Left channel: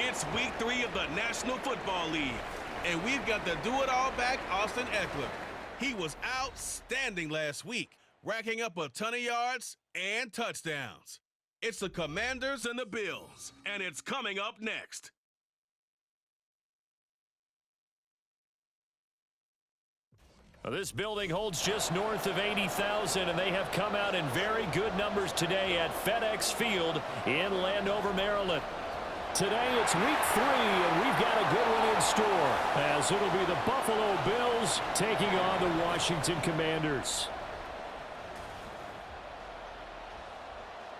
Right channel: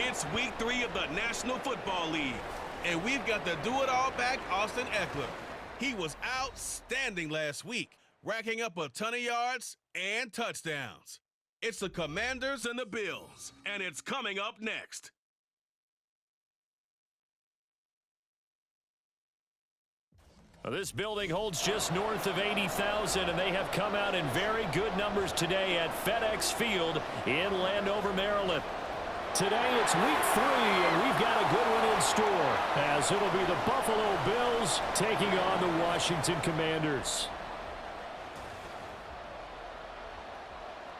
It's week 3 of the National Football League, and we've got the do-it-all back Austin Ekeler. He was outstanding last week, racking up a ton of yards and touchdowns. It's the Commanders and the Bills, and it's coming up next. Well, this building holds just north of 80,000, and they have come out in very good numbers today at FedEx Field in Landover, Maryland. Today it's week 3, and we've got a good one in store, as it'll be the Buffalo Bills taking on the Washington Commanders.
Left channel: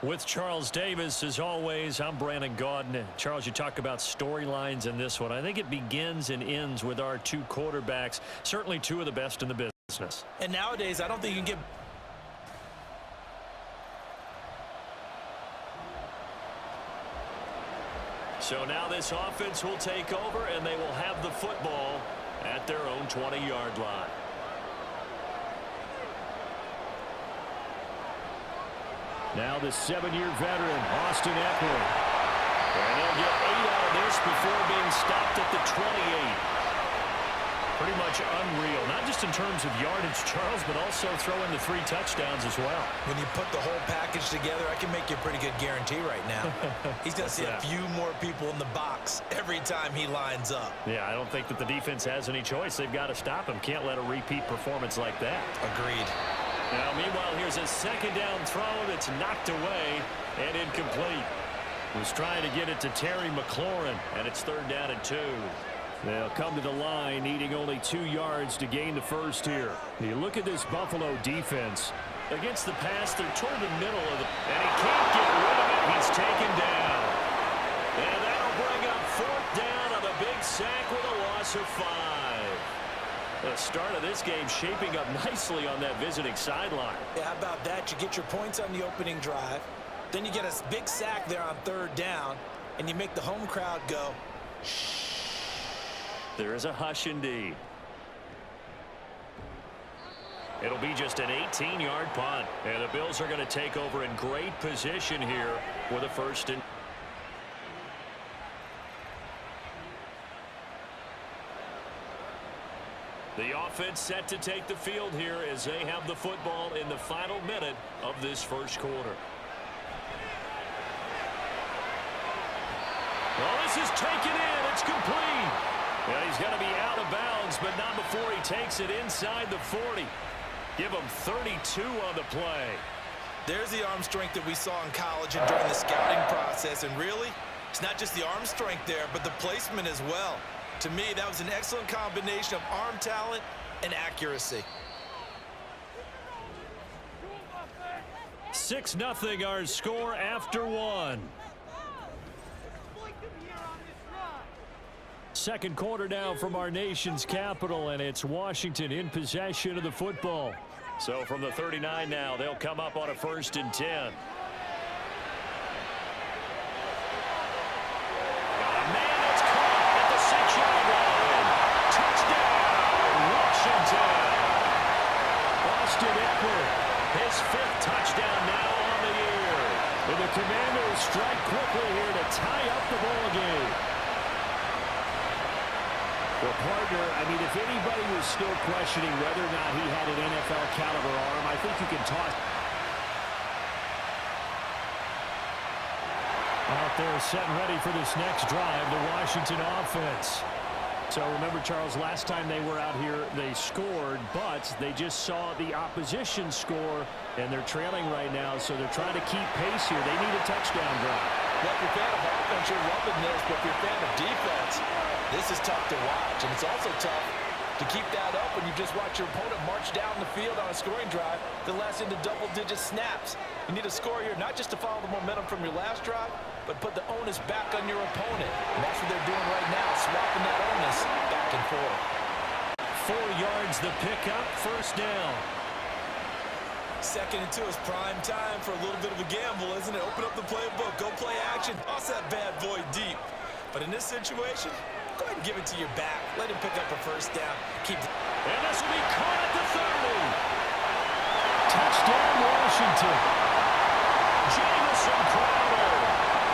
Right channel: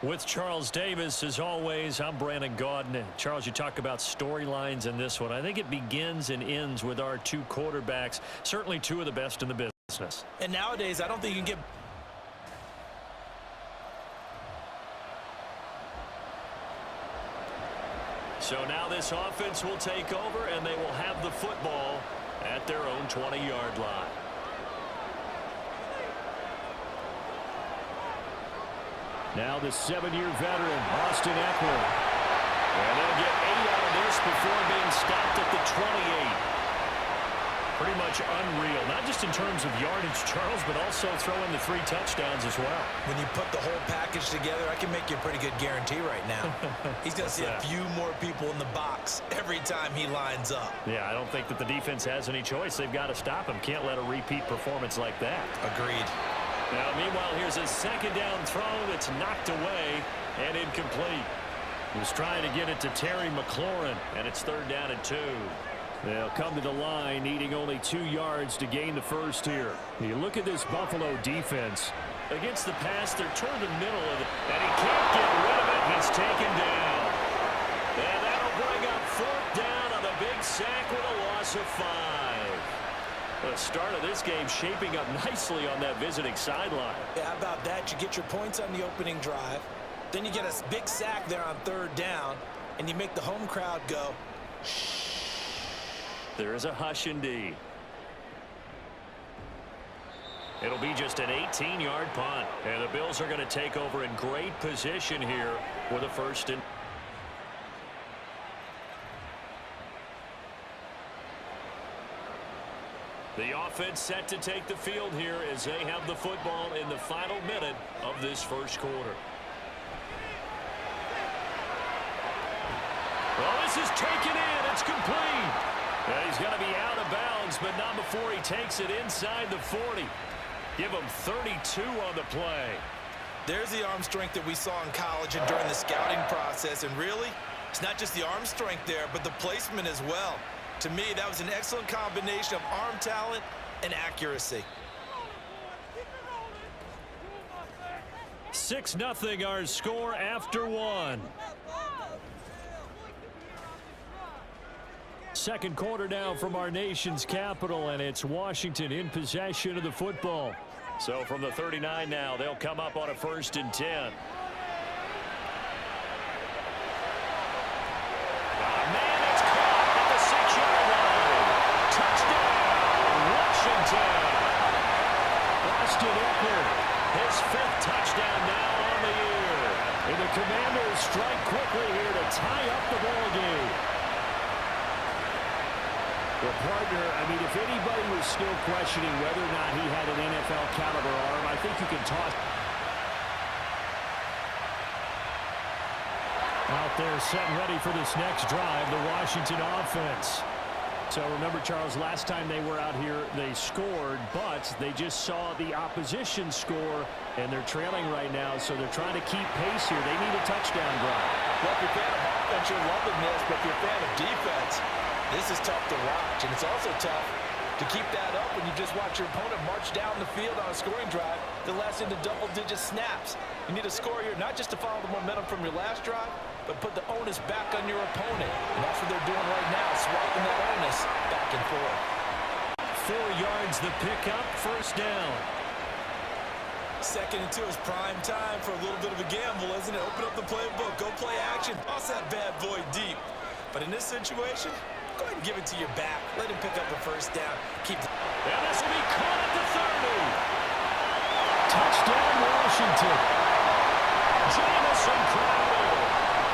With Charles Davis, as always, I'm Brandon Gaudin. Charles, you talk about storylines in this one. I think it begins and ends with our two quarterbacks, certainly two of the best in the business. And nowadays, I don't think you can get... So now this offense will take over, and they will have the football at their own 20-yard line. Now the 7-year veteran, Austin Ekeler. And they'll get 8 out of this before being stopped at the 28. Pretty much unreal, not just in terms of yardage, Charles, but also throw in the 3 touchdowns as well. When you put the whole package together, I can make you a pretty good guarantee right now. He's going to see a few more people in the box every time he lines up. Yeah, I don't think that the defense has any choice. They've got to stop him. Can't let a repeat performance like that. Agreed. Now, meanwhile, here's a second down throw that's knocked away and incomplete. Was trying to get it to Terry McLaurin, and it's 3rd down and 2. They'll come to the line, needing only 2 yards to gain the first here. You look at this Buffalo defense. Against the pass, they're toward the middle of it, and he can't get rid of it. He's taken down. And that'll bring up 4th down on the big sack with a loss of 5. The start of this game shaping up nicely on that visiting sideline. Yeah, how about that? You get your points on the opening drive. Then you get a big sack there on 3rd down, and you make the home crowd go, shh. There is a hush indeed. It'll be just an 18-yard punt. And the Bills are going to take over in great position here with a 1st and... The offense set to take the field here as they have the football in the final minute of this first quarter. Well, this is taken in. It's complete. Yeah, he's going to be out of bounds, but not before he takes it inside the 40. Give him 32 on the play. There's the arm strength that we saw in college and during the scouting process. And really, it's not just the arm strength there, but the placement as well. To me, that was an excellent combination of arm talent and accuracy. 6-0 our score after 1. Second quarter now from our nation's capital, and it's Washington in possession of the football. So from the 39 now, they'll come up on a 1st and 10. Austin Ekeler, his 5th touchdown now on the year. And the Commanders strike quickly here to tie up the ball game. Well, partner, I mean, if anybody was still questioning whether or not he had an NFL caliber arm, I think you can toss. Out there set and ready for this next drive, the Washington offense. So remember, Charles, last time they were out here, they scored, but they just saw the opposition score, and they're trailing right now, so they're trying to keep pace here. They need a touchdown drive. Well, if you're a fan of offense, you're loving this, but if you're a fan of defense, this is tough to watch, and it's also tough to keep that up when you just watch your opponent march down the field on a scoring drive that lasts into double-digit snaps. You need a score here, not just to follow the momentum from your last drive, but put the onus back on your opponent. And that's what they're doing right now, swapping that onus back and forth. 4 yards the pickup, 1st down. 2nd and 2 is prime time for a little bit of a gamble, isn't it? Open up the playbook, go play action, toss that bad boy deep. But in this situation, go ahead and give it to your back. Let him pick up a 1st down. And this will be caught at the 30. Touchdown, Washington. Jamison Crowder,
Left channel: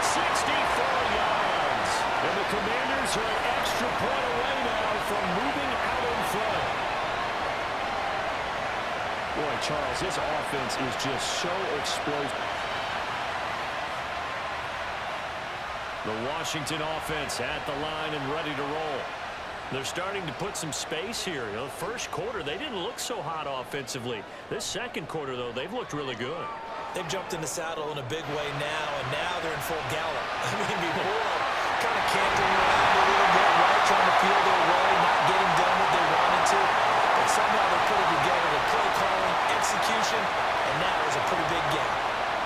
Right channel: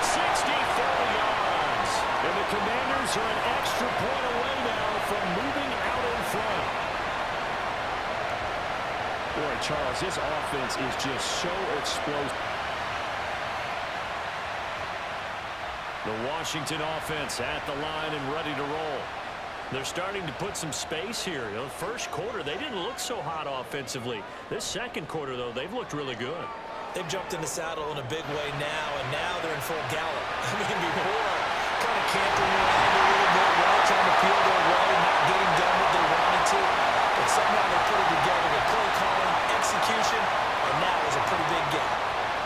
64 yards. And the Commanders are an extra point away now from moving out in front. Boy, Charles, this offense is just so explosive. The Washington offense at the line and ready to roll. They're starting to put some space here. You know, the first quarter, they didn't look so hot offensively. This second quarter, though, they've looked really good. They've jumped in the saddle in a big way now, and now they're in full gallop. I mean, before, kind of cantering around a little bit, right, trying to feel their way, not getting done what they wanted to. But somehow they put it together with play calling, execution, and now there's a pretty big gap.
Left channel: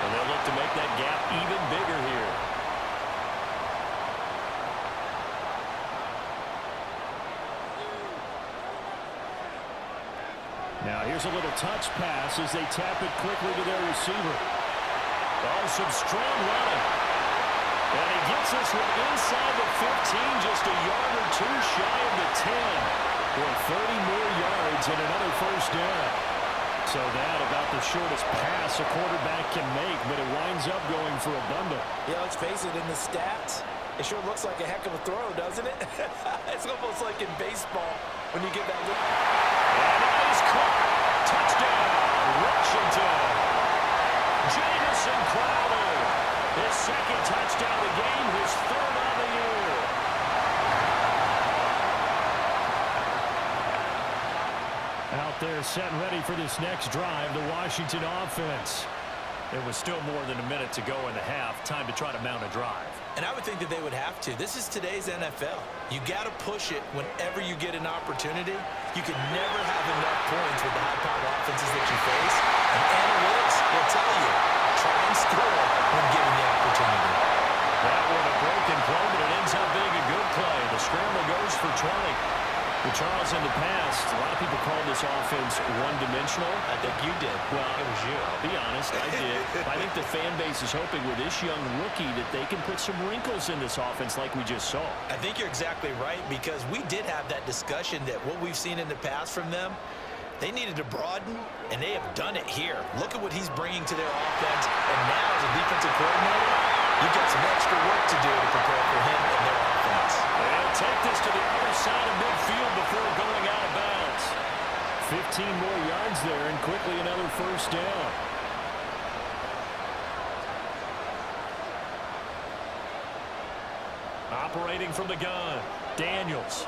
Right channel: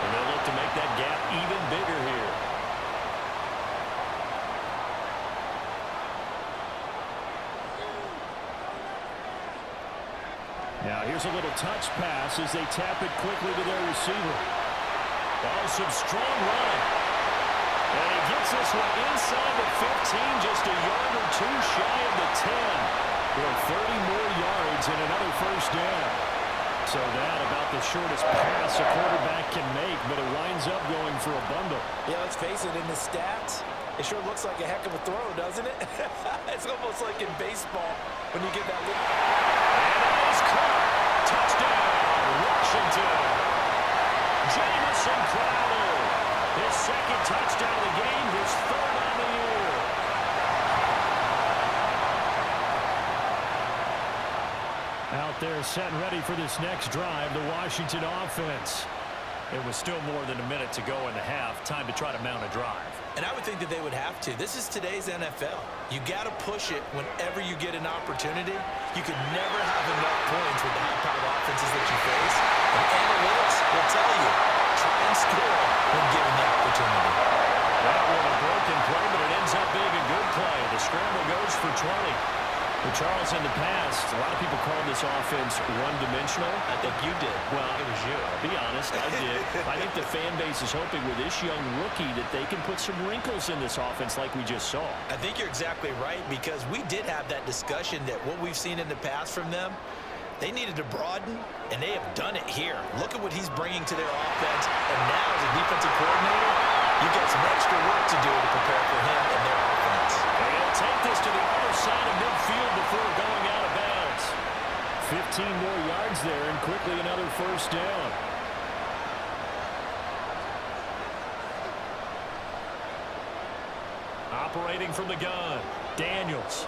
And they'll look to make that gap even bigger here. Now here's a little touch pass as they tap it quickly to their receiver. Oh, some strong running. And he gets this one inside the 15, just a yard or two shy of the 10. Boy, 30 more yards and another first down. So that about the shortest pass a quarterback can make, but it winds up going for a bundle. Yeah, let's face it, in the stats, it sure looks like a heck of a throw, doesn't it? It's almost like in baseball when you get that look. And that is caught. Touchdown, Washington. Jamison Crowder. His second touchdown of the game, his third on the year. Out there set and ready for this next drive, the Washington offense. It was still more than a minute to go in the half. Time to try to mount a drive. And I would think that they would have to. This is today's NFL. You got to push it whenever you get an opportunity. You can never have enough points with the high-powered offenses that you face. And analytics will tell you, try and score when given the opportunity. That one a broken play, but it ends up being a good play. The scramble goes for 20. Well, Charles, in the past, a lot of people called this offense one-dimensional. I think you did. Well, it was you. I'll be honest, I did. I think the fan base is hoping with this young rookie that they can put some wrinkles in this offense like we just saw. I think you're exactly right, because we did have that discussion that what we've seen in the past from them, they needed to broaden, and they have done it here. Look at what he's bringing to their offense, and now as a defensive coordinator, you've got some extra work to do to prepare for him and their offense. And he'll take this to the other side of midfield before going out of bounds. 15 more yards there, and quickly another first down. Operating from the gun, Daniels.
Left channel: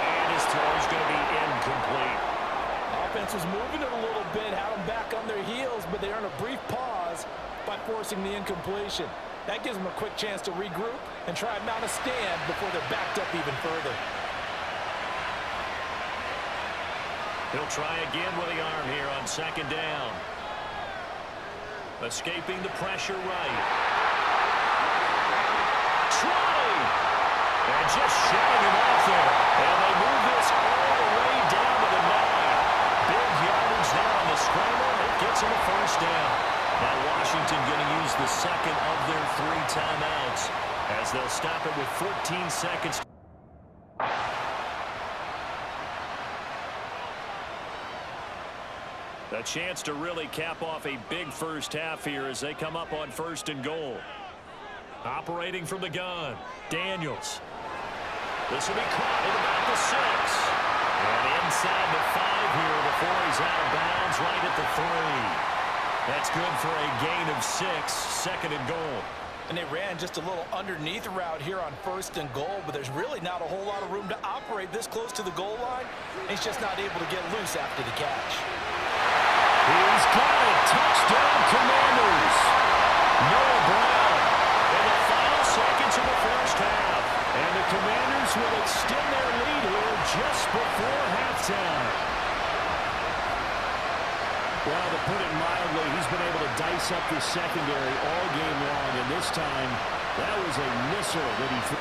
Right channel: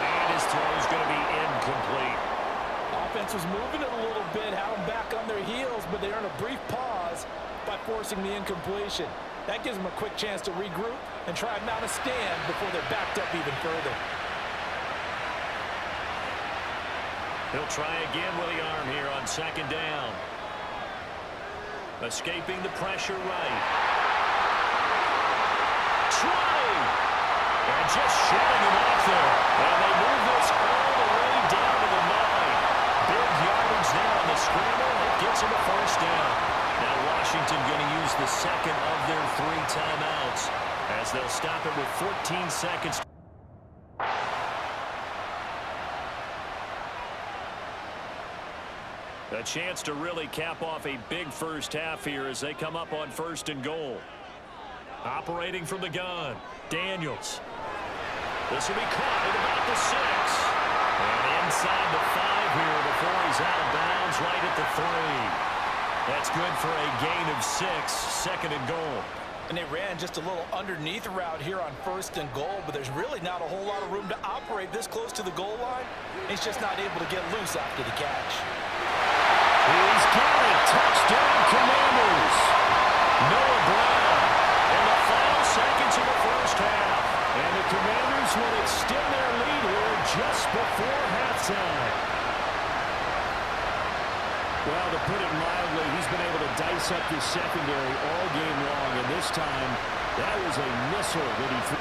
And his throw is going to be incomplete. Offense was moving it a little bit, had them back on their heels, but they earned a brief pause by forcing the incompletion. That gives them a quick chance to regroup and try and mount a stand before they're backed up even further. He'll try again with the arm here on second down. Escaping the pressure right. 20! And just shutting him off there. And they move this all the way down to the 9. Big yardage there on the scramble. It gets him a first down. Now Washington going to use the second of their 3 timeouts as they'll stop it with 14 seconds. A chance to really cap off a big first half here as they come up on first and goal. Operating from the gun, Daniels. This will be caught at about the 6. And inside the 5 here before he's out of bounds right at the 3. That's good for a gain of 6, second and goal. And they ran just a little underneath route here on first and goal, but there's really not a whole lot of room to operate this close to the goal line. He's just not able to get loose after the catch. He's got it. Touchdown, Commanders. Noah Brown in the final seconds of the first half. And the Commanders will extend their lead here just before halftime. Well, to put it mildly, he's been able to dice up this secondary all game long, and this time, that was a missile that he threw.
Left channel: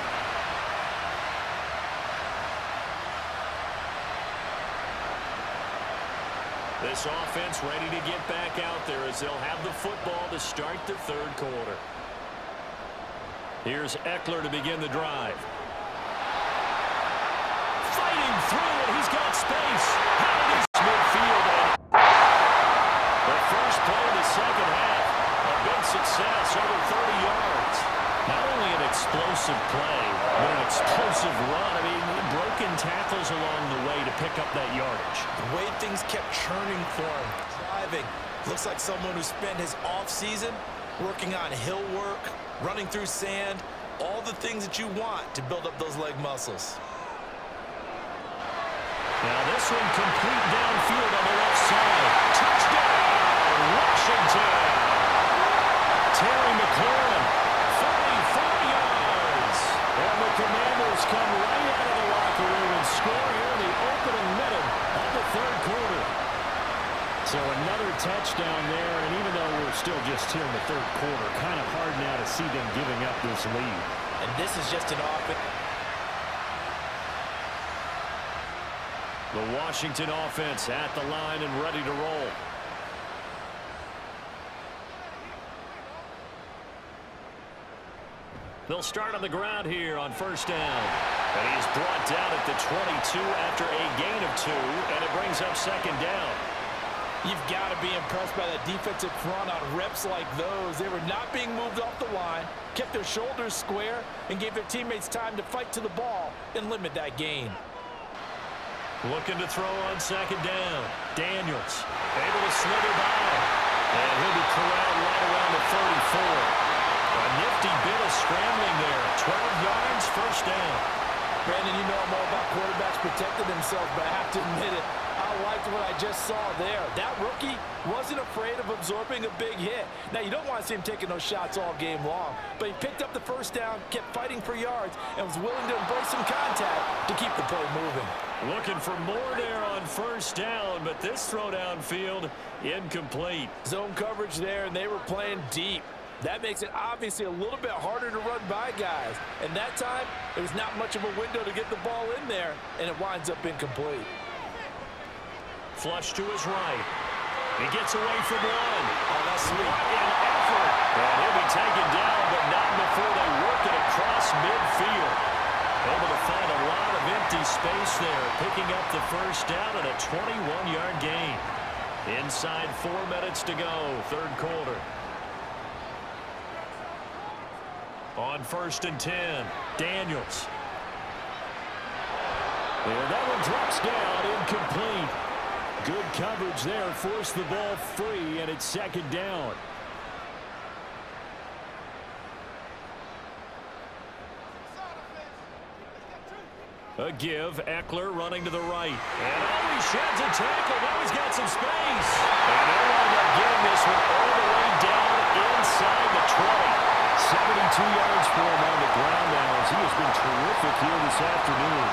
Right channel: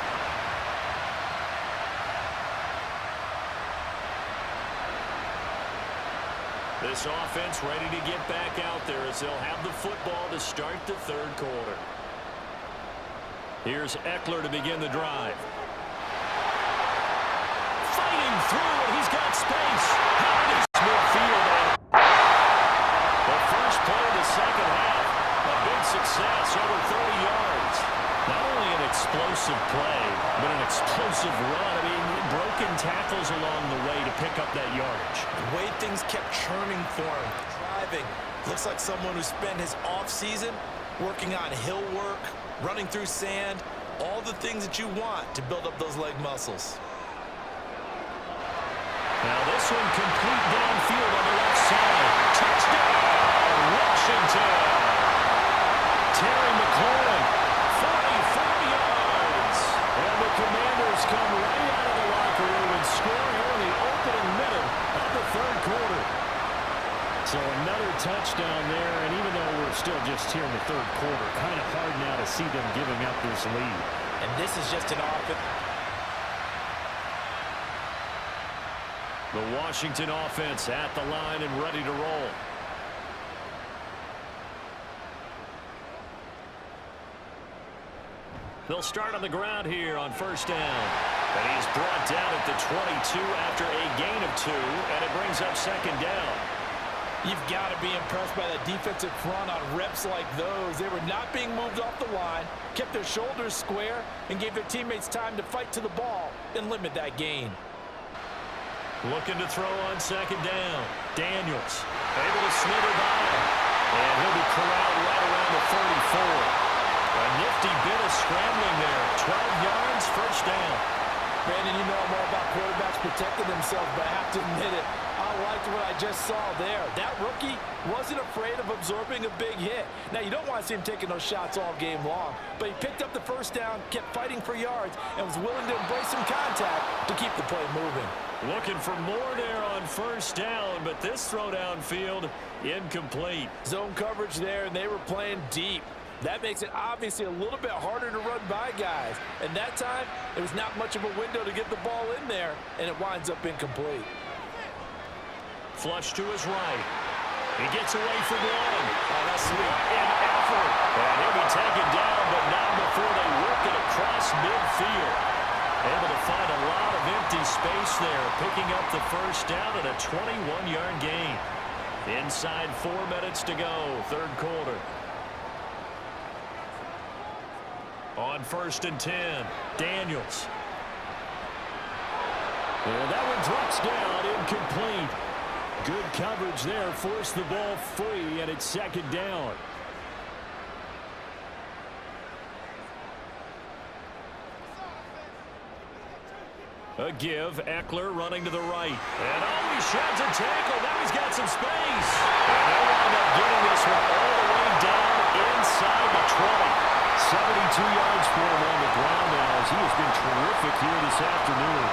This offense ready to get back out there as they'll have the football to start the third quarter. Here's Eckler to begin the drive. Fighting through, and he's got space. How did he midfield? The first play of the second half, a big success, over 30 yards. Not only an explosive play, but an explosive run. I mean, broken tackles along the way to pick up that yardage. The way things kept churning for him, driving. Looks like someone who spent his offseason working on hill work, running through sand, all the things that you want to build up those leg muscles. Now this one complete downfield on the left side. Touchdown, Washington. Terry McLaurin, 44 yards. And the Commanders come right out of the locker room and score here in the opening minute of the third quarter. So another touchdown there, and even though we're still just here in the third quarter, kind of hard now to see them giving up this lead. And this is just an offense. The Washington offense at the line and ready to roll. They'll start on the ground here on first down. And he's brought down at the 22 after a gain of 2, and it brings up second down. You've got to be impressed by that defensive front on reps like those. They were not being moved off the line, kept their shoulders square, and gave their teammates time to fight to the ball and limit that gain. Looking to throw on second down. Daniels able to slither by. And he'll be corralled right around the 34. A nifty bit of scrambling there. 12 yards, first down. Brandon, you know I'm all about quarterbacks protecting themselves, but I have to admit it. I liked what I just saw there. That rookie wasn't afraid of absorbing a big hit. Now, you don't want to see him taking those shots all game long, but he picked up the first down, kept fighting for yards, and was willing to embrace some contact to keep the play moving. Looking for more there on first down, but this throw downfield incomplete. Zone coverage there, and they were playing deep. That makes it obviously a little bit harder to run by guys. And that time, it was not much of a window to get the ball in there, and it winds up incomplete. Flush to his right. He gets away from one. Oh, that's sweet. What an effort. And he'll be taken down, but not before they work it across midfield. Able to find a lot of empty space there, picking up the first down at a 21-yard gain. Inside 4 minutes to go, third quarter. On first and 10, Daniels. And that one drops down, incomplete. Good coverage there, forced the ball free, and it's second down. A give, Eckler running to the right. And oh, he sheds a tackle. Now he's got some space. And they'll wind up getting this one all the way down inside the 20. 72 yards for him on the ground now as he has been terrific here this afternoon.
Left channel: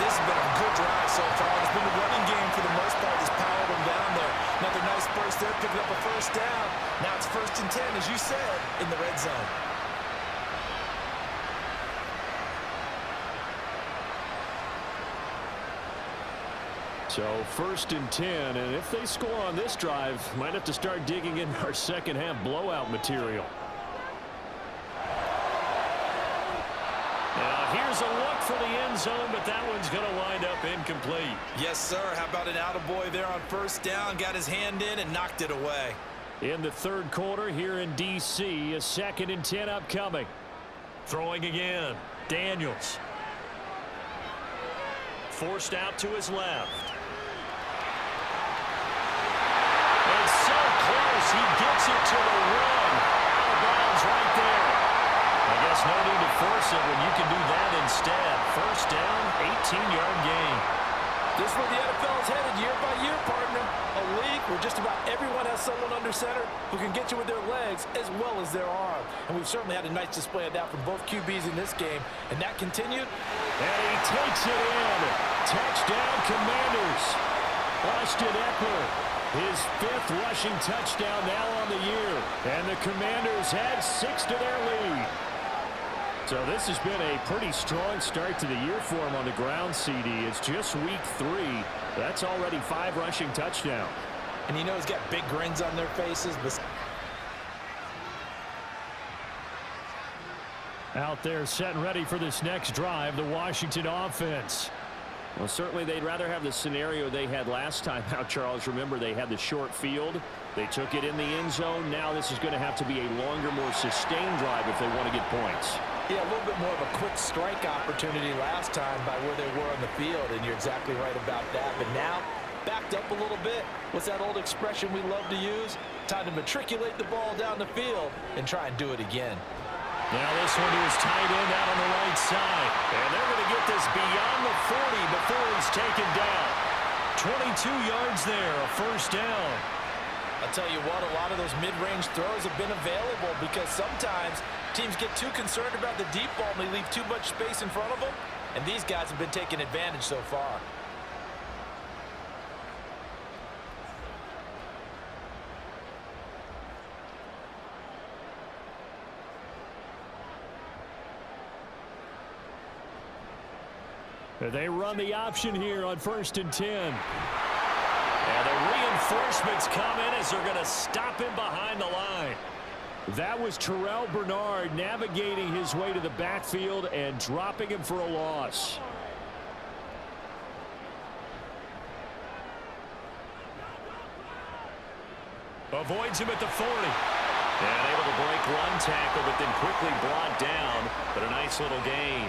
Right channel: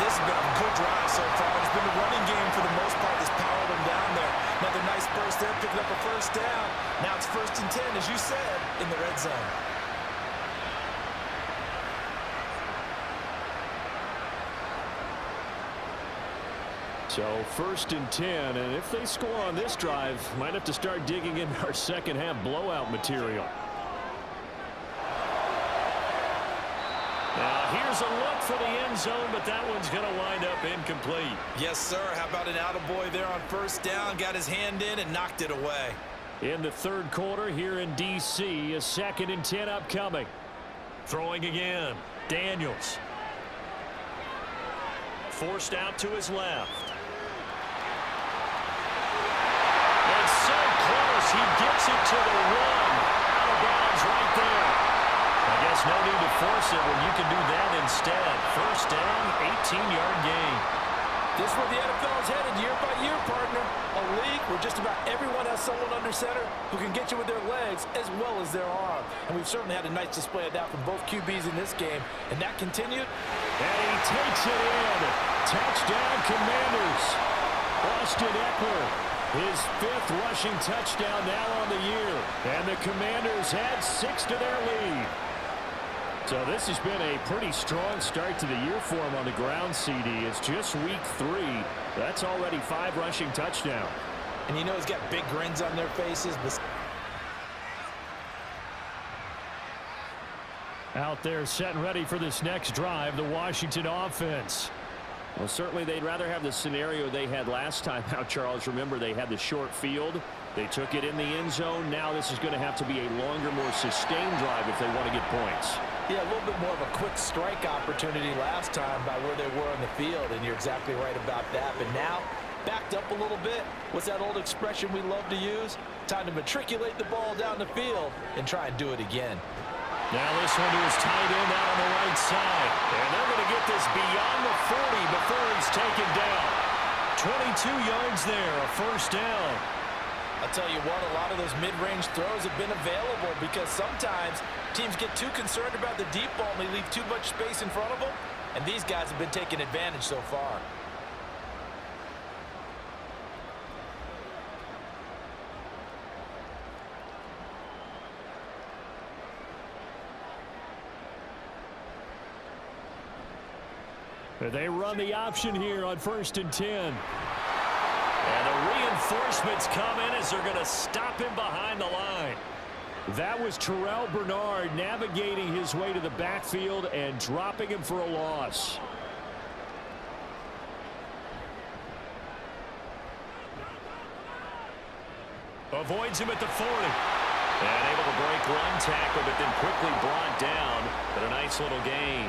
This has been a good drive so far. It's been the running game for the most part that's powered them down there. Another nice burst there, picking up a first down. Now it's first and 10, as you said, in the red zone. So first and 10, and if they score on this drive, might have to start digging in our second half blowout material. Now here's a look for the end zone, but that one's going to wind up incomplete. Yes, sir. How about an attaboy there on first down? Got his hand in and knocked it away. In the third quarter here in D.C., a second and 10 upcoming. Throwing again, Daniels. Forced out to his left. It's so close, he gets it to the one. Out of bounds right there. I guess no need to force it when you can do that instead. First down, 18-yard gain. This is where the NFL is headed year by year, partner. A league where just about everyone has someone under center who can get you with their legs as well as their arm. And we've certainly had a nice display of that from both QBs in this game. And that continued. And he takes it in. Touchdown, Commanders. Austin Eckler, his 5th rushing touchdown now on the year. And the Commanders add 6 to their lead. So this has been a pretty strong start to the year for him on the ground, CD. It's just week 3. That's already 5 rushing touchdowns. And you know he's got big grins on their faces. But out there set and ready for this next drive, the Washington offense. Well, certainly they'd rather have the scenario they had last time out, Charles. Remember, they had the short field. They took it in the end zone. Now this is going to have to be a longer, more sustained drive if they want to get points. Yeah, a little bit more of a quick strike opportunity last time by where they were on the field, and you're exactly right about that. But now, backed up a little bit. What's that old expression we love to use? Time to matriculate the ball down the field and try and do it again. Now this one to his tight end out on the right side. And they're going to get this beyond the 40 before he's taken down. 22 yards there, a first down. I'll tell you what, a lot of those mid-range throws have been available because sometimes teams get too concerned about the deep ball and they leave too much space in front of them. And these guys have been taking advantage so far. They run the option here on 1st and 10. And the reinforcements come in as they're going to stop him behind the line. That was Terrell Bernard navigating his way to the backfield and dropping him for a loss. Avoids him at the 40. And able to break one tackle, but then quickly brought down. But a nice little gain.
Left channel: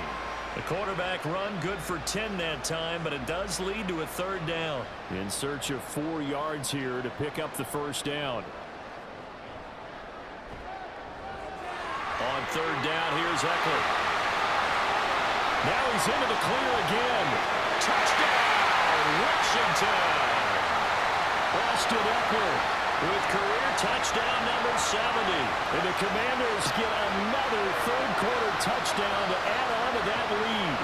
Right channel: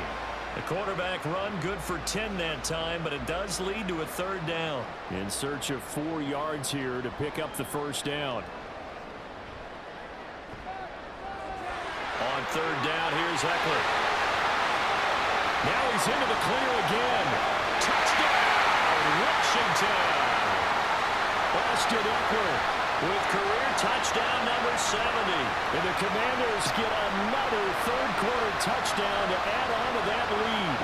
The quarterback run good for 10 that time, but it does lead to a third down. In search of 4 yards here to pick up the first down. On third down, here's Ekeler. Now he's into the clear again. Touchdown, Washington! Austin Ekeler with career touchdown number 70. And the Commanders get another third-quarter touchdown to add on to that lead.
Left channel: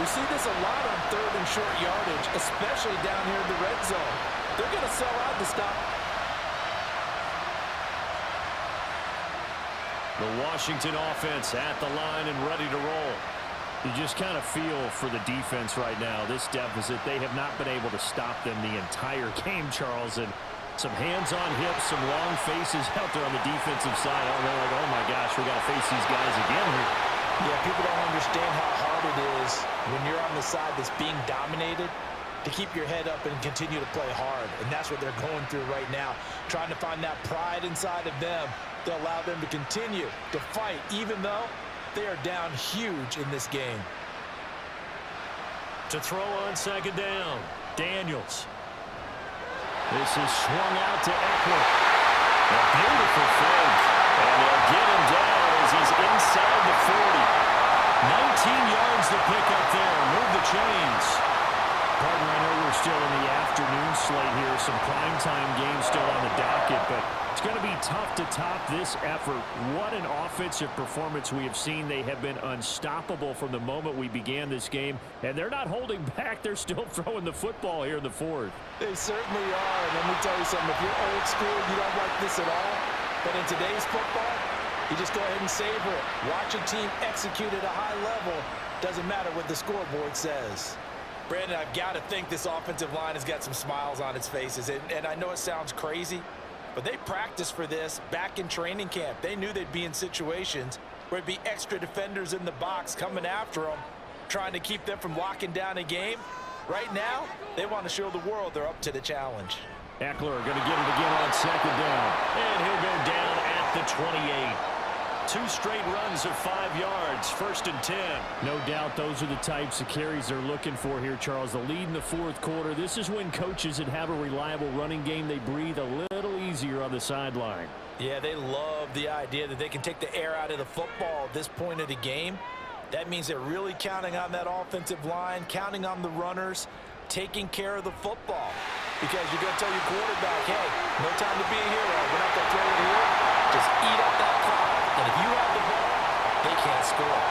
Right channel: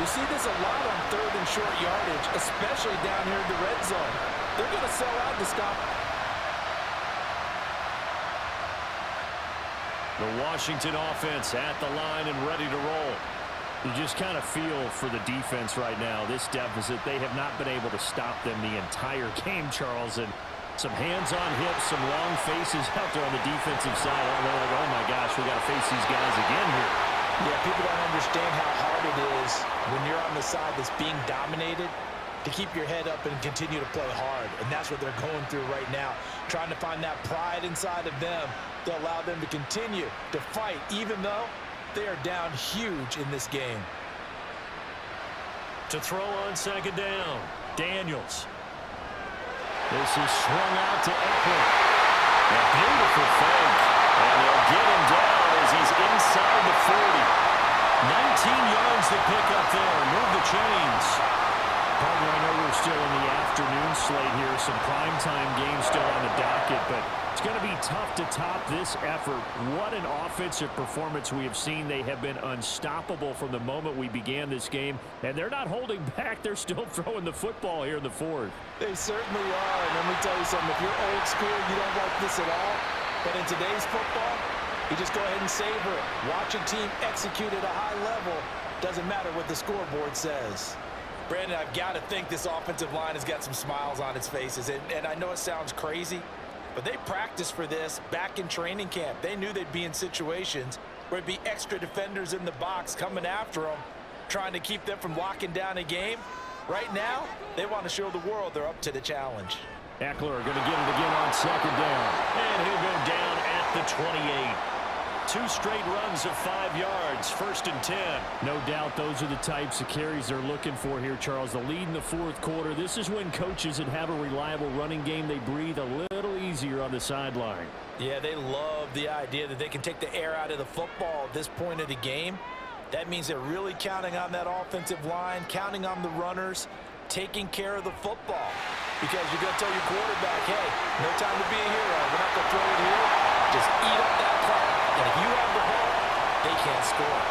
We see this a lot on third and short yardage, especially down here in the red zone. They're going to sell out to stop. The Washington offense at the line and ready to roll. You just kind of feel for the defense right now. This deficit, they have not been able to stop them the entire game, Charles. And some hands on hips, some long faces out there on the defensive side. Oh, they're like, oh my gosh, we got to face these guys again here. Yeah, people don't understand how hard it is when you're on the side that's being dominated to keep your head up and continue to play hard. And that's what they're going through right now, trying to find that pride inside of them to allow them to continue to fight, even though they are down huge in this game. To throw on second down, Daniels. This is swung out to Ekeler. A beautiful fake. And they'll get him down as he's inside the 40. 19 yards to pick up there. Move the chains. Partner, I know we're still in the afternoon slate here. Some primetime games still on the docket, but it's going to be tough to top this effort. What an offensive performance we have seen. They have been unstoppable from the moment we began this game, and they're not holding back. They're still throwing the football here in the fourth. They certainly are, and let me tell you something. If you're old school, you don't like this at all, but in today's football, you just go ahead and savor it. Watch a team execute at a high level. Doesn't matter what the scoreboard says. Brandon, I've got to think this offensive line has got some smiles on its faces. And I know it sounds crazy, but they practiced for this back in training camp. They knew they'd be in situations where it'd be extra defenders in the box coming after them, trying to keep them from locking down a game. Right now, they want to show the world they're up to the challenge. Ekeler going to get it again on second down. And he'll go down at the 28. 2 straight runs of 5 yards, 1st and 10. No doubt those are the types of carries they're looking for here, Charles. The lead in the fourth quarter. This is when coaches that have a reliable running game, they breathe a little easier on the sideline. Yeah, they love the idea that they can take the air out of the football at this point of the game. That means they're really counting on that offensive line, counting on the runners, taking care of the football. Because you're going to tell your quarterback, hey, no time to be a hero. We're not going to throw it here. Just eat up that clock. And if you have the ball, they can't score.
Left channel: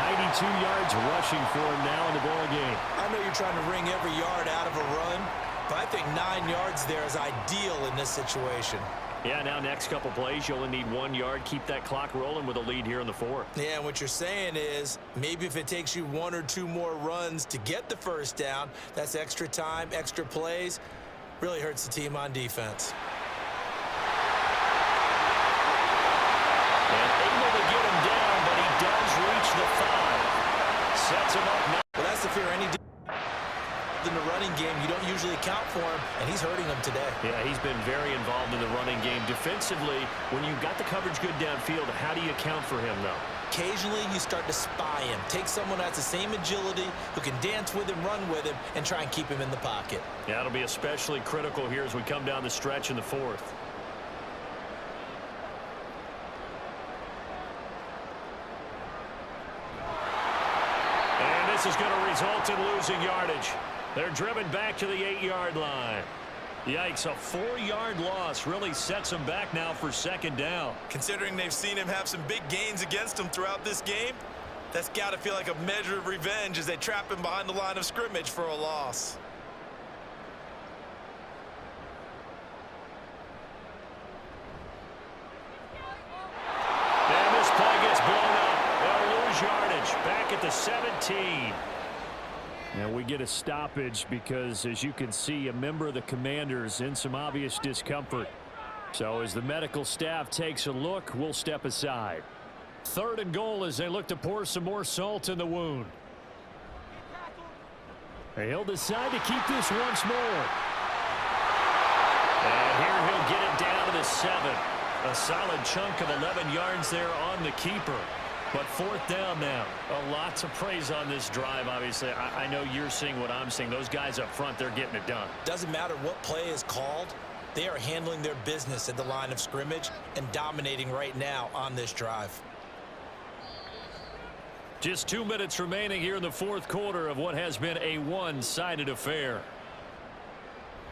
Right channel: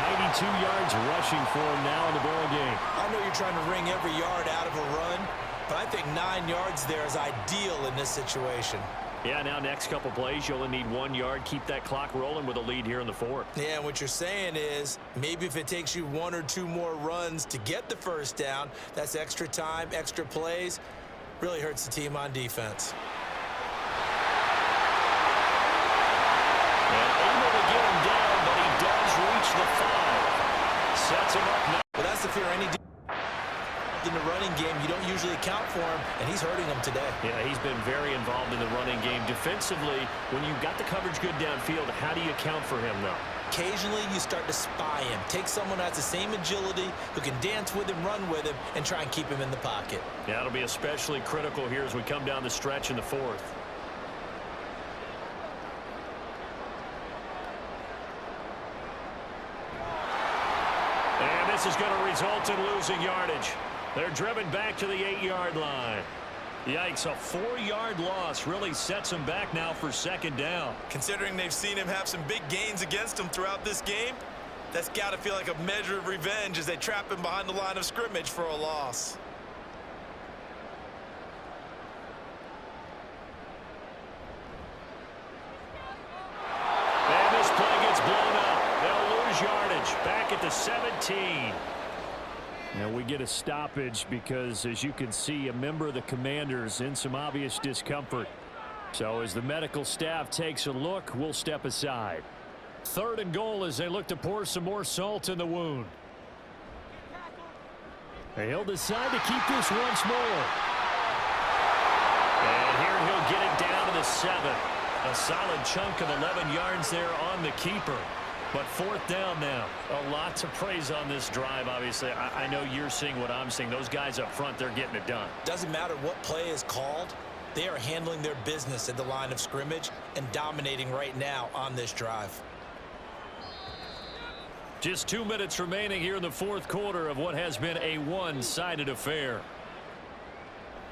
92 yards rushing for him now in the ball game. I know you're trying to wring every yard out of a run, but I think 9 yards there is ideal in this situation. Yeah, now next couple plays, you only need 1 yard. Keep that clock rolling with a lead here in the fourth. Yeah, and what you're saying is maybe if it takes you 1 or 2 more runs to get the first down, that's extra time, extra plays, really hurts the team on defense. And able to get him down, but he does reach the 5. Sets him up now. Well, that's the fear any involved in the running game. You don't usually account for him, and he's hurting them today. Yeah, he's been very involved in the running game. Defensively, when you've got the coverage good downfield, how do you account for him, though? Occasionally, you start to spy him. Take someone who has the same agility, who can dance with him, run with him, and try and keep him in the pocket. Yeah, it'll be especially critical here as we come down the stretch in the fourth. And this is going to result in losing yardage. They're driven back to the 8-yard line. Yikes, a 4-yard loss really sets them back now for second down. Considering they've seen him have some big gains against them throughout this game, that's got to feel like a measure of revenge as they trap him behind the line of scrimmage for a loss. And this play gets blown up. They'll lose yardage back at the 17. And we get a stoppage because, as you can see, a member of the Commanders in some obvious discomfort. So as the medical staff takes a look, we'll step aside. 3rd and goal as they look to pour some more salt in the wound. And he'll decide to keep this once more. And here he'll get it down to the 7. A solid chunk of 11 yards there on the keeper. But 4th down now. A lot to praise on this drive, obviously. I know you're seeing what I'm seeing. Those guys up front, they're getting it done. Doesn't matter what play is called. They are handling their business at the line of scrimmage and dominating right now on this drive. Just 2 minutes remaining here in the 4th quarter of what has been a one-sided affair.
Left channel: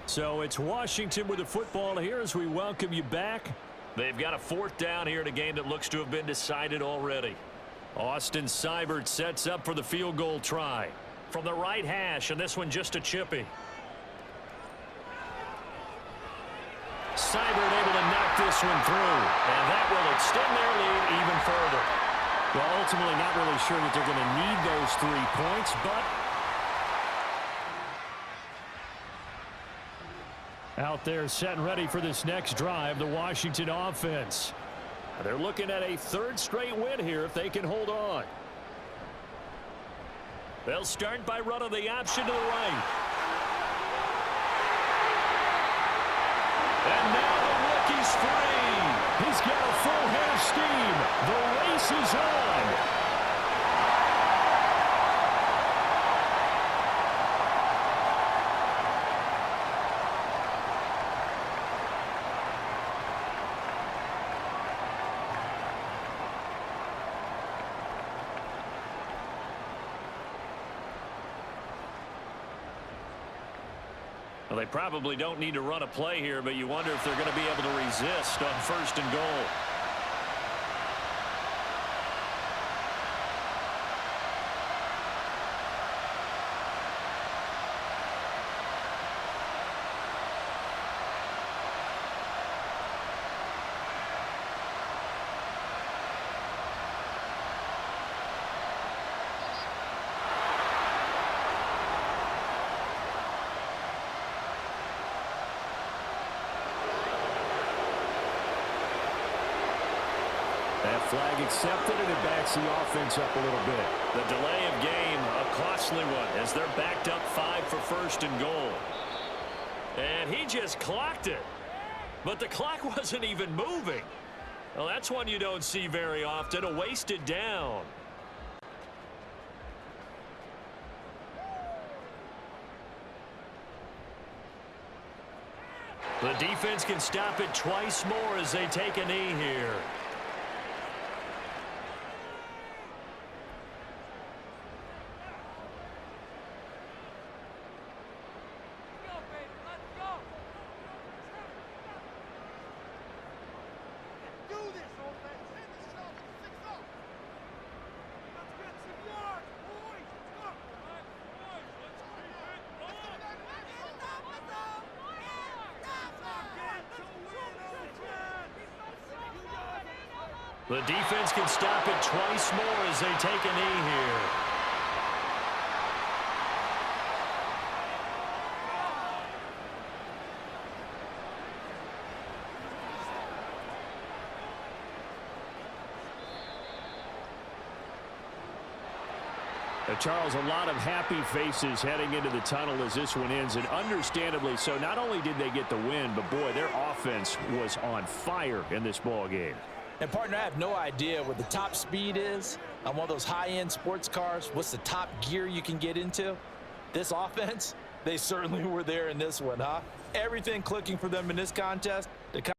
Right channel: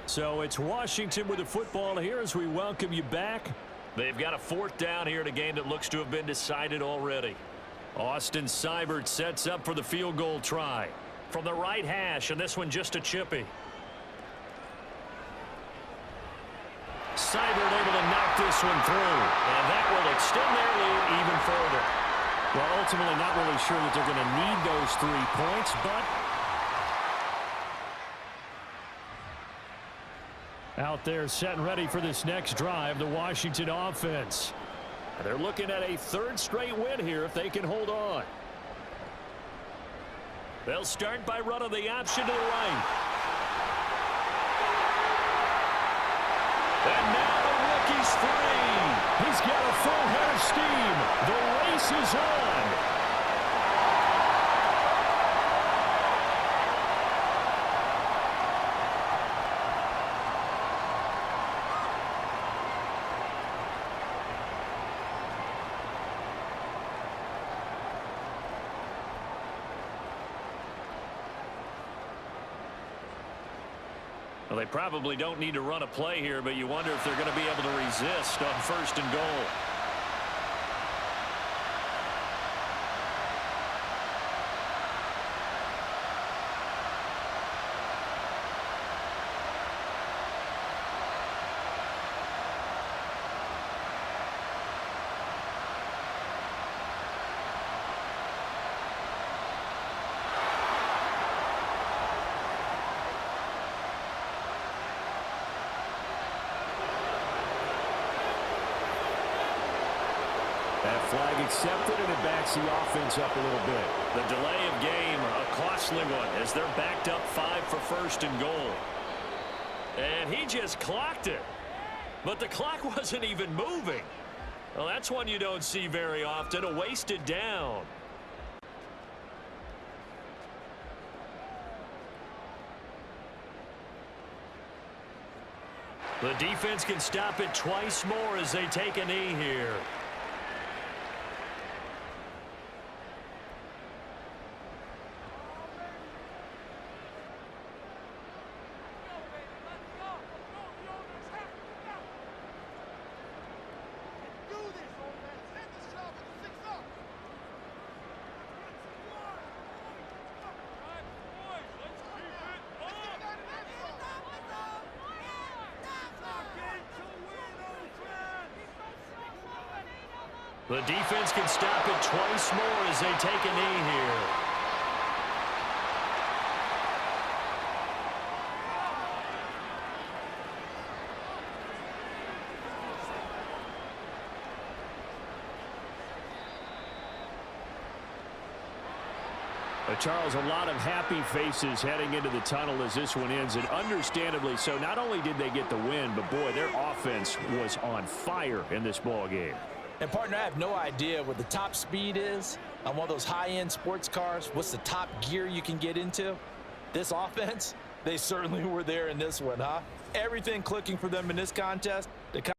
So it's Washington with the football here as we welcome you back. They've got a 4th down here in a game that looks to have been decided already. Austin Seibert sets up for the field goal try. From the right hash, and this one just a chippy. Seibert able to knock this one through, and that will extend their lead even further. Well, ultimately not really sure that they're going to need those 3 points, but out there set and ready for this next drive, the Washington offense. They're looking at a 3rd straight win here if they can hold on. They'll start by running the option to the right. And now the rookie's free. He's got a full head of steam. The race is on. Well, they probably don't need to run a play here, but you wonder if they're going to be able to resist on 1st and goal. That flag accepted, and it backs the offense up a little bit. The delay of game, a costly one, as they're backed up 5 for 1st and goal. And he just clocked it. But the clock wasn't even moving. Well, that's one you don't see very often, a wasted down. The defense can stop it twice more as they take a knee here. The defense can stop it twice more as they take a knee here. Charles, a lot of happy faces heading into the tunnel as this one ends, and understandably so. Not only did they get the win, but boy, their offense was on fire in this ball game. And partner, I have no idea what the top speed is on one of those high-end sports cars. What's the top gear you can get into? This offense, they certainly were there in this one, huh? Everything clicking for them in this contest. The